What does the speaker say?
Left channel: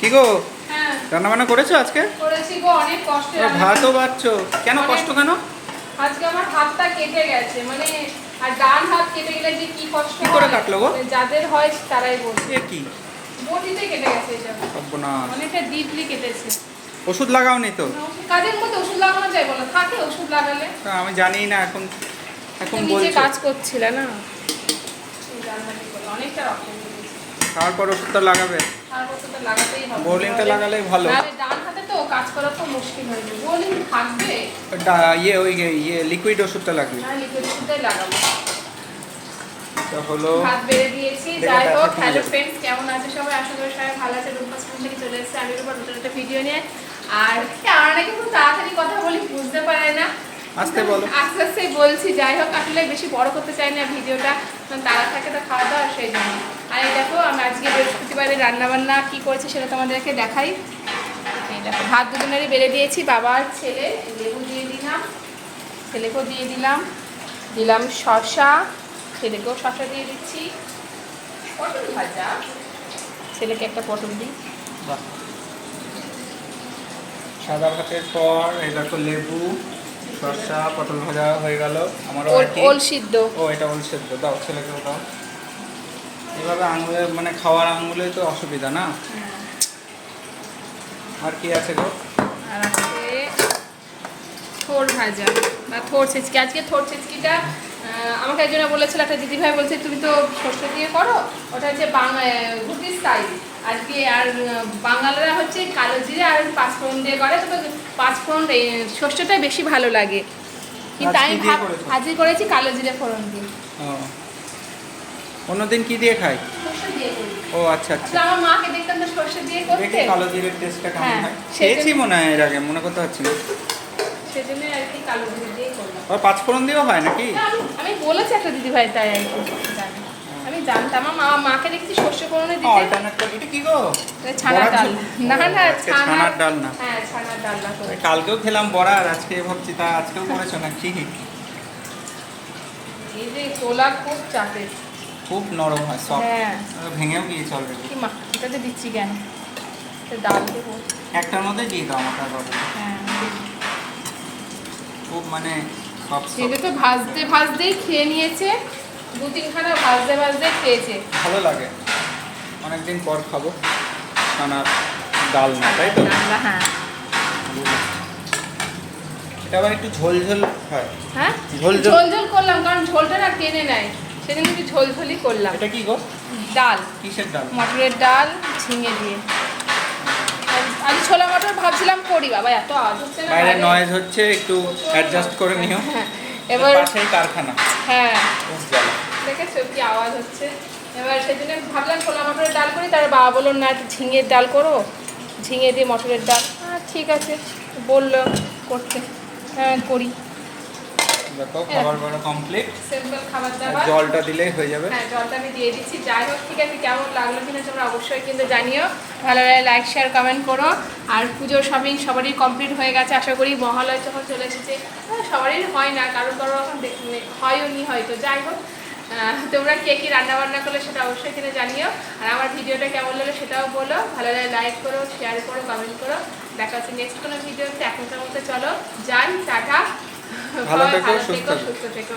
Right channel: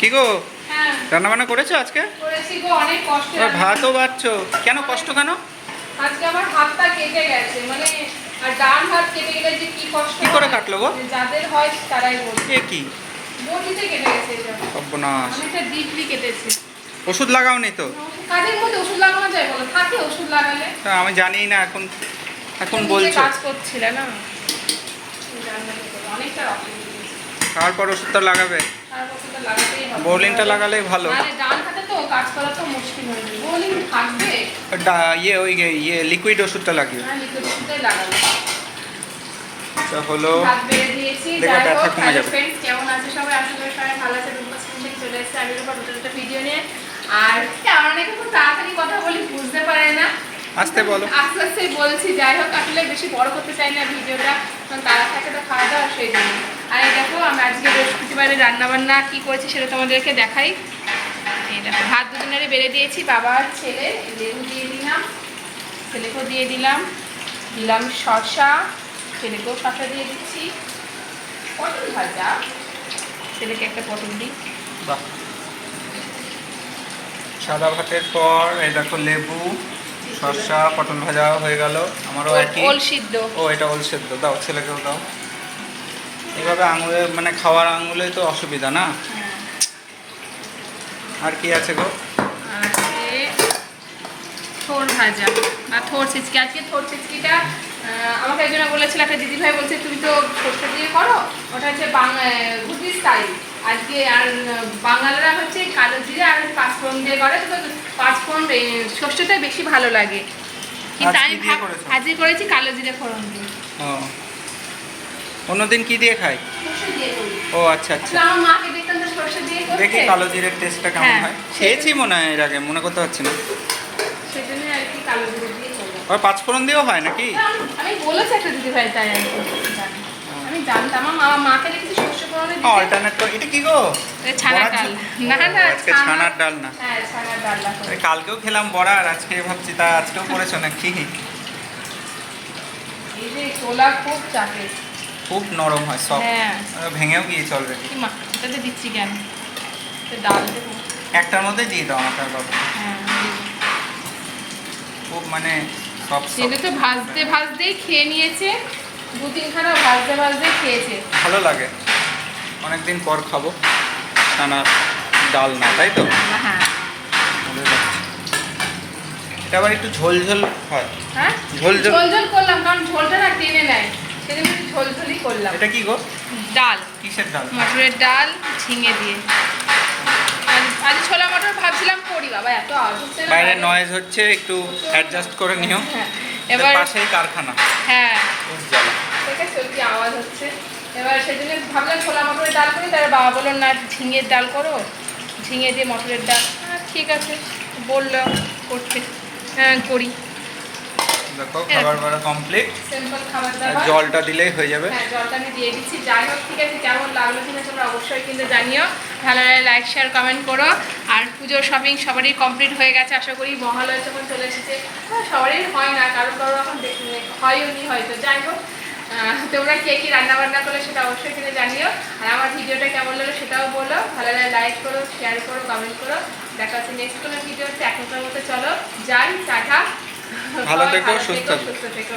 কি গো, হ্যাঁ রান্না বান্না করেছো আজকে? করেছি গো, অনেক কষ্টে ভাতও বাড়ছো কেন? কষ্ট কেন? আজকে আমার হাতটা কেটে গেছে, মানে আর ডান হাত কেটে গেলে যে কি কষ্ট কি করে কাটলো গো? যাদের হয় তারাই বলছে। এ কি বটিতে কেটে গেছে, এটা সর্বনাশ। অনেকটা ডিপলি কেটেছে। ওষুধ লাগাওনি তো? কাজের মধ্যে ওষুধ লাগানো যায় বলো? থাকে ওষুধ লাগালে? তা আমি জানি না, এখন এখন নিজে বলছো। কাজ করছিলে না, অনেকটা রক্ত বেরিয়েছে। তারপর ওষুধটা লাগাবে। তারপর তো লাগাতেই হবে। বোলিনটা লাগালেই ভালো। আরে ডান হাতে তো কাজ করা তো মুশকিল হয়ে যাবে। বোলিন থাকবে, লিকুইড ওষুধটা লাগিও। হ্যাঁ লিকুইড ওষুধটাই লাগাবো। তা হলো, ভাত বেড়ে দিয়েছি। দেখো যাই ব্যথা হোক, কমে হ্যালো যাবে। ফ্রেন্ডস, কেমন আছে সবাই? আশা করি সবাই ভালো আছে। রূপবাস থেকে চলে এসেছে আমি রূপা, নতুন একটা ভিডিও নিয়ে। আর আমার নাকি খুব তাড়াতাড়ি কথা বলি, বুঝতে পারে না। আস্তে বলো। আস্তে আস্তে বলছি। যাই হোক, আসলে বেশি বড় করতে চাই না ভিডিওটা, কারণ তারা থাকে তো খাওয়া দাওয়া, সেই জন্য। আর এই দেখো, আমি আজকে বৃহস্পতিবারে রান্নাবান্না কী করেছি সেটা তোমাদেরকে দেখাই। এই দেখো, ভাত দুজনেরই বেড়ে দিয়েছি, বাবা আর ছেলে। লেবু দিয়ে দিলাম, ছেলেকেও দিয়ে দিলাম, দিলাম শসা, ছেলেকেও শসা দিয়ে দিচ্ছি। পটল ভাজা, ছেলেকে একটা পটল দিই। বাহ, সাদা ভাতের পর এই দেখো লেবু, শসা, পটল ভাজা হয়ে গেল। আমারও একই। ওল সিদ্ধ। ও, এটা ওল সেদ্ধ, দাও ছেলেকেও দাও। এভাবে আঙুলে, মানে খাওয়ার আঙুলে তো অসুবিধা না। হ্যাঁ, আর কি আছে গো? আর আছে থোড় ভাজা বা থোড় ছিচকি। আজকে থোড় ছিচকিটা আমাকে একজনে বলেছিল, একটা দিদিভাই বলছে তুমি তো সর্ষে দিয়ে করো, ওটা হচ্ছে ঘুটি স্টাইল। আজকে আর বাঙালিরা হচ্ছে কালো জিরে আর পাঁচফোড়ন দিয়ে করে, তো পাঁচফোড়ন সর্ষেটাই বেশি ভালো লাগে। কিন্তু আজ আমি কি দিয়ে করেছো? ভাজি করেছি কালো জিরে ফোড়ন দিয়ে। ও, অন্যদিন কি দিয়ে খাই? সর্ষে দিয়ে করি। ও আচ্ছা আচ্ছা। আসলে আমার মাকে দেখতাম তো সর্ষে দিয়ে করতে। দেখি কালো জিরের টেস্টটা কেমন হ্যাঁ, হয়। খেয়েছি মনে হয় এর আগে, মনে করতে পারছি না। সেজন্য আর কি কালো জিরে দিয়ে করলাম। আর পাঁচফোড়ন দিয়েও হয় নাকি? আমি বলেছি একটা দিদিভাই, তাই আর কি জানি। আমি জানতাম, আমার মাকে দেখেছি সর্ষে ফোড়নে দিতে। অল্টারনেট করে। এটা কি গো? ছানার বড়ার ডাল। ঝোল? না না, ও, আজকে ছানার ডাল না। হ্যাঁ, ছানার ডালনা করে। কালকেও খেলাম বড়া, আর আজকে ভাবছি তা আজকেও করেছো নাকি? এই যে তোলা খুব চাপে। খুব নরম হয়, সফট। হ্যাঁ, ভেঙেও গিয়েছে অলরেডি। কি মা এটাতে দিচ্ছি কেন? তো ডাল দেবো। একটার মধ্যে দিয়ে দাও আমাকে আর বাবা। হ্যাঁ, খুব মানে সফট ছেলে সফট। তো ভাজতে ভাজতেই খেয়ে নিয়েছে, দু তিনখানা ভাজতে ভাজতে খেয়েছে। ভালো লাগে, অনেকদিন পর খাবো ছানার ডাল না, তাই তো? হ্যাঁ ভালো লাগছে। এটা আবার একটু ঝোল ঝোল হয়। হ্যাঁ, ঝোল ঝোল। ঝোল ঝোল করলাম, কারণ ঝোলটা না টেনে নেয়, সেদিন একটু ঝোল ঝোলই করলাম। এটা কি গো? ডাল, কিসের ডাল? মটরের ডাল, ঝিঙে দিয়ে। আজ ছোলা মটর ভাবছিলাম করি, বাবা এত আওয়াজ হচ্ছে না বাইরে বাইরে। নয়েজ হচ্ছে, একটু অ্যাডজাস্ট করে নিও। হ্যাঁ, এবার এবার পাশেই কারখানা, হ্যাঁ খুব জ্বালা। ঠিক আছে, কি আওয়াজ হচ্ছে। এবার সেজন্য ভাবলাম ছোলা মটরের ডাল করি, তারপর বাবা বললো না একটু ঝিঙের ডাল করো, ঝিঙে দিয়ে মটরের ডাল। ঠিক আছে, বললো করতে, হ্যাঁ করি। দেখো খাবার বাড়া কমপ্লিট। সিম্পল খাবার আর দাবার। জলটা দিলেই হয়ে যাবে। হ্যাঁ, জলটা আমি দিয়ে দিচ্ছি। যাই হোক, ঠিক আছে, কেমন লাগলো কিনা তোমরা অবশ্যই কিন্তু জানিও। ভালো লাগলে লাইক শেয়ার কমেন্ট করো। আর পুজোর শপিং সবারই কমপ্লিট হয়ে গেছে আশা করি। মহালয়া যখন চলে এসেছে, সবারই হয় না, কারো কারো এখন হয়ও নি হয়তো। যাই হোক, তোমরা কে কী রান্নাবান্না করলে সেটা অবশ্যই কিন্তু জানিও। আর আমার ভিডিওটা কেমন লাগলো সেটাও বলো। ভালো লাগলে লাইক করো, শেয়ার করো, কমেন্ট করো। দেখা হচ্ছে নেক্সট কোনো ভিডিওতে। এখনকার মতো চলো যাই, টাটা। ভালো থেকো, সুস্থ থেকো। সুস্থ থেকো।